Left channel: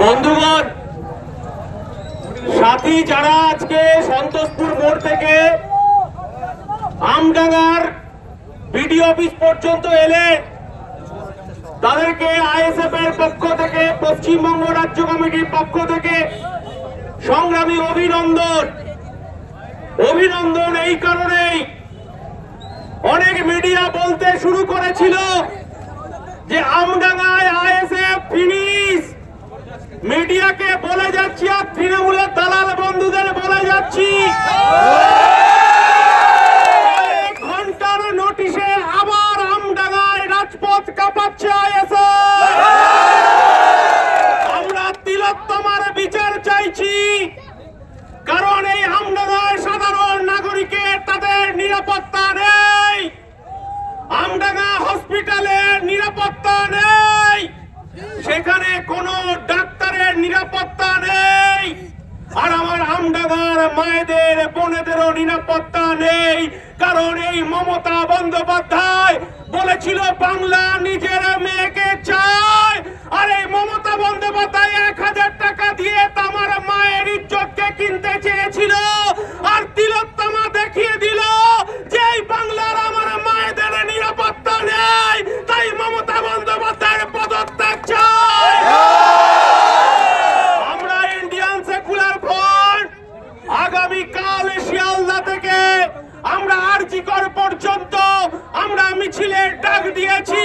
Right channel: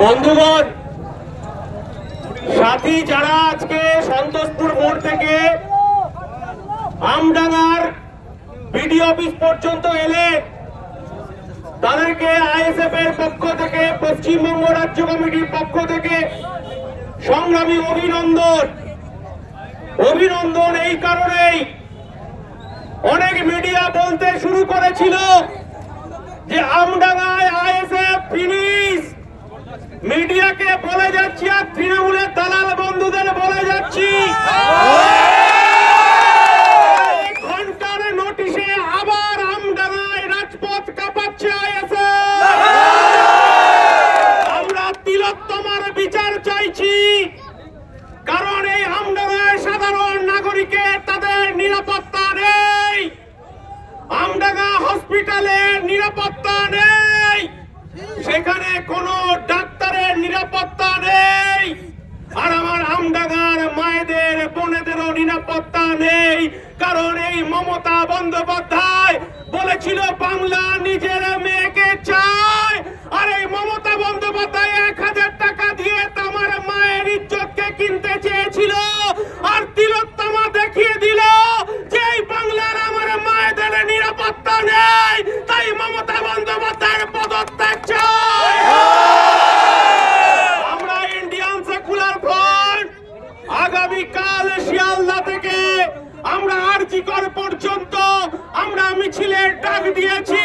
বন্ধুগণ, সাথী যারা আজকে সন্তোষপুর মোড় থেকে আমডাঙ্গার বিডিও অফিস পর্যন্ত এলে তাদেরকে আইএসএফ এর পক্ষ থেকে, পশ্চিমবঙ্গ রাজ্য কমিটির পক্ষ থেকে সংগ্রামী অভিনন্দন। অভিনন্দন এই কারণেই, অনেক মিডিয়া বলতে শুরু করেছিল যে আমডাঙ্গায় আইএসএফ ফিনিশ। মিডিয়াকে বলে যাচ্ছি আর তৃণমূলের দালাল বন্ধুদের বলে যাচ্ছি, ঘন্টার নোটিশে আবার আমডাঙ্গায় রাজপথ কাঁপাচ্ছে আইএসএফ। আমরা তিলোত্তমার বিচার চাইছি, কারণ এই আমডাঙ্গায় সাধারণ নাগরিকের তাদের নিরাপত্তা নেই, আমডাঙ্গা হসপিটালের নিরাপত্তা নেই, সেখানে কোনো ডাক্তারের নিরাপত্তা নেই, আর আমার আমডাঙ্গার মায়েদের বোনেদেরও নিরাপত্তা নেই। কারণ এই মমতা বন্দ্যোপাধ্যায় বলেছিল বাংলা নিজের মেয়েকে চায়, আর এই মমতা বন্দ্যোপাধ্যায় 1000 টাকা দিয়ে আমার মায়ের ইজ্জতকে কিনতে চেয়েছিল, আর তিলোত্তমা দেখিয়ে দিল যে এই বাংলার আমার মায়েদের নিরাপত্তা নেই। তাই মমতা বন্দ্যোপাধ্যায়ের পদত্যাগ চাই। আমরা ইন্ডিয়ান সেকুলার ফ্রন্ট আগামীকাল শিয়ালদা থেকে আমরা আরজিকর পর্যন্ত আমরা মিছিলের ডাক দিয়েছি।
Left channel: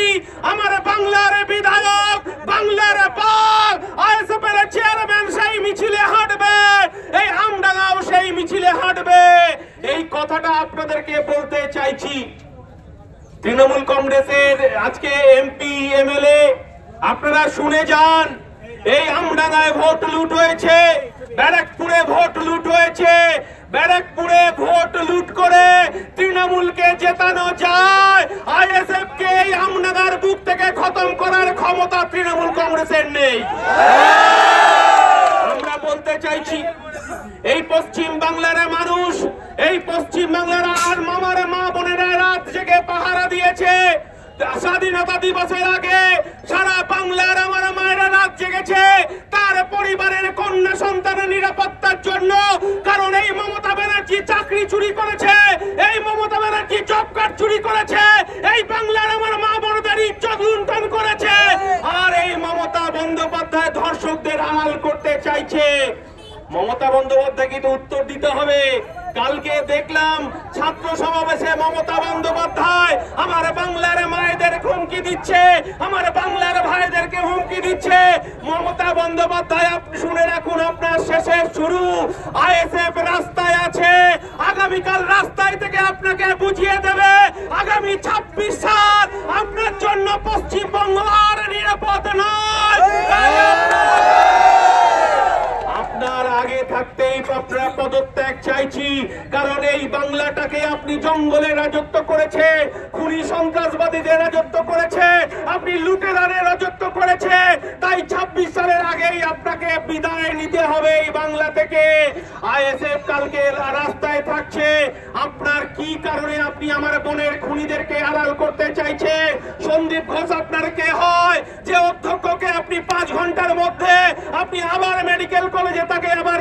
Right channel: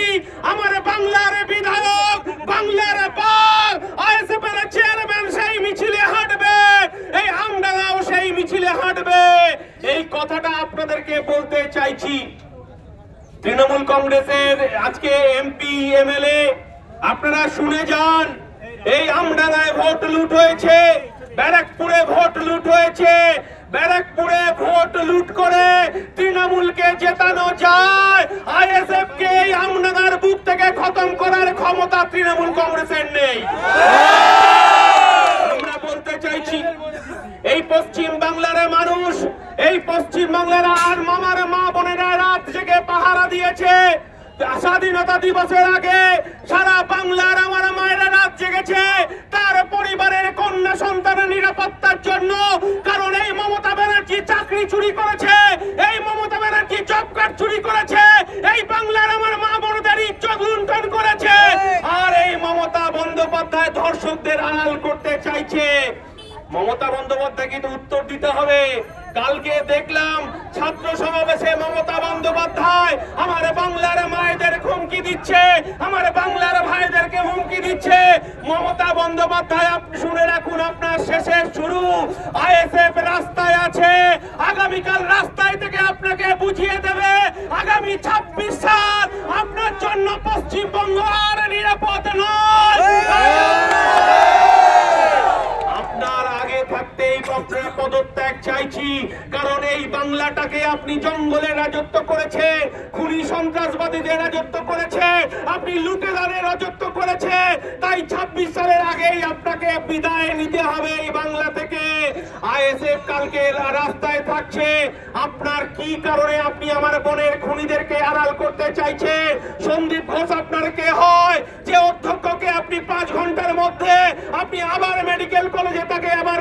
আমার বাংলার বিধায়ক, বাংলার পাল আইএসএফ এর চেয়ারম্যান সেই মিছিলে হাঁটবে, এই আমডাঙ্গাও সেই মিছিলে হাঁটবে। এই কথাটা আপনাদেরকে বলতে চাইছি। তৃণমূল কংগ্রেসের আজকে এমপি এমএলএ আপনারা শুনে যান, এই আমডাঙ্গায় ভোট লুট হয়েছে, ব্যারাকপুরে ভোট লুট হয়েছে, ব্যারাকপুরে ভোট লুট করে তৃণমূলকে জেতানো যায়। আইএসএফ কে এই আমডাঙ্গার বুক থেকে খতম করার ক্ষমতা তৃণমূল কংগ্রেসের নেই। আমরা বলতে চাইছি, এই পশ্চিম বাংলার মানুষ, এই পশ্চিম বাংলার আর মামার মা বোনেরা রাত জেগে পাহারা দিয়েছে। স্বাধীনতা দিবসের আগে সারা বাংলার আমার মায়েরা রাত জেগেছে তার পরিবারের কন্যা সন্তানের নিরাপত্তার জন্য। কারণ এই মমতা ব্যানার্জি চাকরি চুরি করেছে, এই মমতা ব্যানার্জি জব কার্ড চুরি করেছে, এই বাংলার আমার মা বোনদের ইজ্জত লুণ্ঠন করেছে, আর এই মমতা বন্দ্যোপাধ্যায় ধর্ষকদের আড়াল করতে চাইছে। মমতা বন্দ্যোপাধ্যায় কিন্তু উত্তর দিতে হবে। কালকে দেখলাম ছাত্র সমাবেশে মমতা বন্দ্যোপাধ্যায় আমার বাংলার মায়েদের হুমকি দিচ্ছে, আমার বাংলার ভাইদেরকে হুমকি দিচ্ছে। মমতা বন্দ্যোপাধ্যায় আপনি শুনে রাখুন, আপনার শেষের শুরু। আইএসএফ রাস্তায় আছে, আগামীকাল রাস্তায় থেকে আপনাকে বুঝিয়ে দেবে আগামী 26 সাল আপনার জন্য পশ্চিমবঙ্গ আর নিরাপদ নয়। আপনার আগে থাকতেই আপনার পদত্যাগ চাইছি, কারণ এই বাংলাটাকে আপনি জঙ্গলে রাজত্ব করেছেন, খুনি সন্ত্রাসবাদীদের রাজত্ব করেছে, আপনি লুটেরাদের রাজত্ব করেছে। তাই 26 সালের আগেই আপনাকে বিদায় নিতে হবে এই বাংলা থেকে। আইএসএফ কালকে রাস্তায় থাকছে, আপনার কি কারণে আপনি আমার বোনের খুনিদেরকে আড়াল করতে চাইছেন? সন্দীপ ঘোষ আপনার কে হয় যে অধ্যক্ষকে আপনি 5 ঘন্টার মধ্যে আপনি আবার মেডিকেল কলেজে তাকে আবার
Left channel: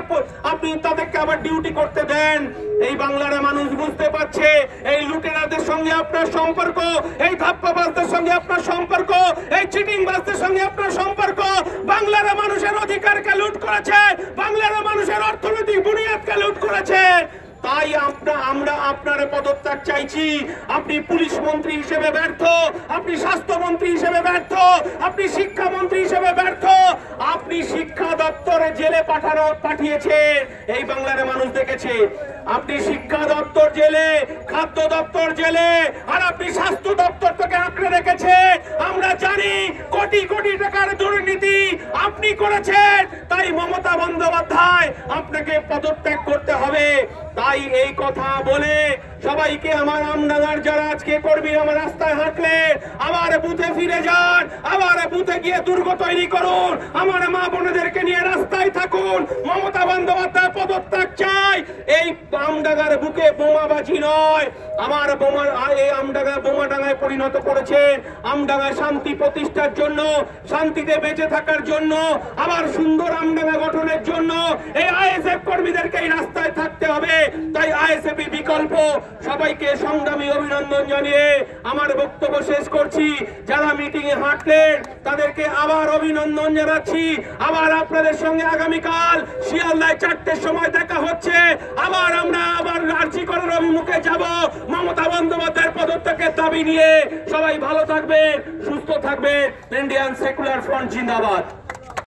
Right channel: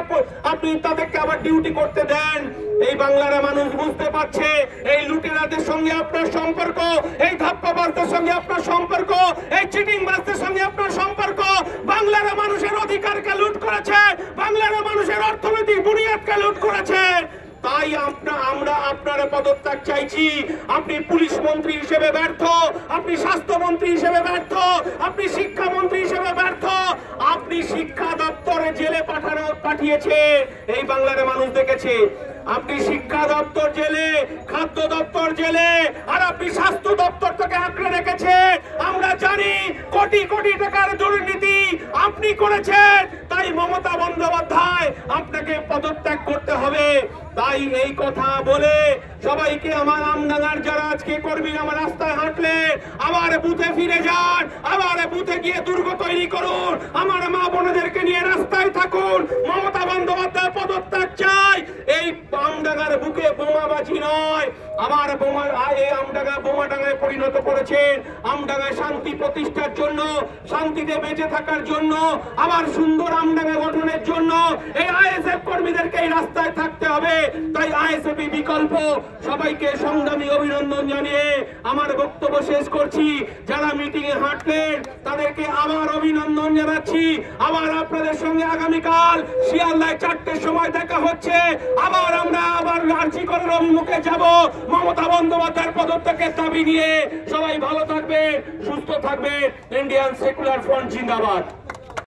আপনি তাদেরকে আবার ডিউটি করতে দেন? এই বাংলার মানুষ বুঝতে পারছে এই লুটেরাদের সঙ্গে আপনার সম্পর্ক, এই ধাপ্পাবাজদের সঙ্গে আপনার সম্পর্ক, এই চিটিংবাজদের সঙ্গে আপনার সম্পর্ক। বাংলার মানুষের অধিকারকে লুট করেছে, বাংলার মানুষের অর্থনৈতিক বুনিয়াদকে লুট করেছে। তাই আমরা আপনার পদত্যাগ চাইছি। আপনি পুলিশ মন্ত্রী হিসেবে ব্যর্থ, আপনি স্বাস্থ্যমন্ত্রী হিসেবে ব্যর্থ, আপনি শিক্ষামন্ত্রী হিসেবে ব্যর্থ, আপনি শিক্ষা দপ্তরে জেলে পাঠিয়েছেন, এই বাংলার মানুষ দেখেছে। আপনি শিক্ষা দপ্তর জেলে, খাদ্য দপ্তর জেলে, আর আপনি স্বাস্থ্য দপ্তর থেকে আঁকড়ে রেখেছে। আমরা জানি কোটি কোটি টাকার দুর্নীতি আপনি করেছেন। তাই মমতা বন্দ্যোপাধ্যায় আপনাকে পদত্যাগ করতে হবে। তাই এই কথা বলে সবাইকে আমার আমডাঙ্গার যারা আজকে কর্মীরা আমার রাস্তায় হাঁটলে আবার বুথে ফিরে যান, আবার বুথে গিয়ে দুর্গ তৈরি করুন, আমার মা বোনেদেরকে নিয়ে রাস্তায় থাকুন। মমতা বন্দ্যোপাধ্যায় পদত্যাগ চাই। এই আমডাঙ্গার বুকে বোমাবাজি নয়, আমার এই আমডাঙ্গা বোমাডাঙ্গায় পরিণত করেছেন। আমডাঙ্গায় শান্তি প্রতিষ্ঠার জন্য, শান্তিতে বেঁচে থাকার জন্য, আবার সুন্দর আমডাঙ্গা গঠনের জন্য এই আইএসএফ কর্মীদেরকে এই রাস্তায় থাকতে হবে। তাই আইএসএফ বিকল্প। সবাইকে সংগ্রামী অভিনন্দন জানিয়ে আমার বক্তব্য শেষ করছি। যারা মিটিং এ হাঁটলেন তাদেরকে আবার অভিনন্দন জানাচ্ছি। আবার আপনাদের সঙ্গে আগামীকাল শিয়ালদায় 4টের সময় দেখা হচ্ছে। আমরা আরজি করার অভিমুখে যাব মমতা বন্দ্যোপাধ্যায়ের পদত্যাগের দাবি নিয়ে। সবাই ভালো থাকবে, সুস্থ থাকবে। ইন্ডিয়ান সেকুলার ফ্রন্ট জিন্দাবাদ।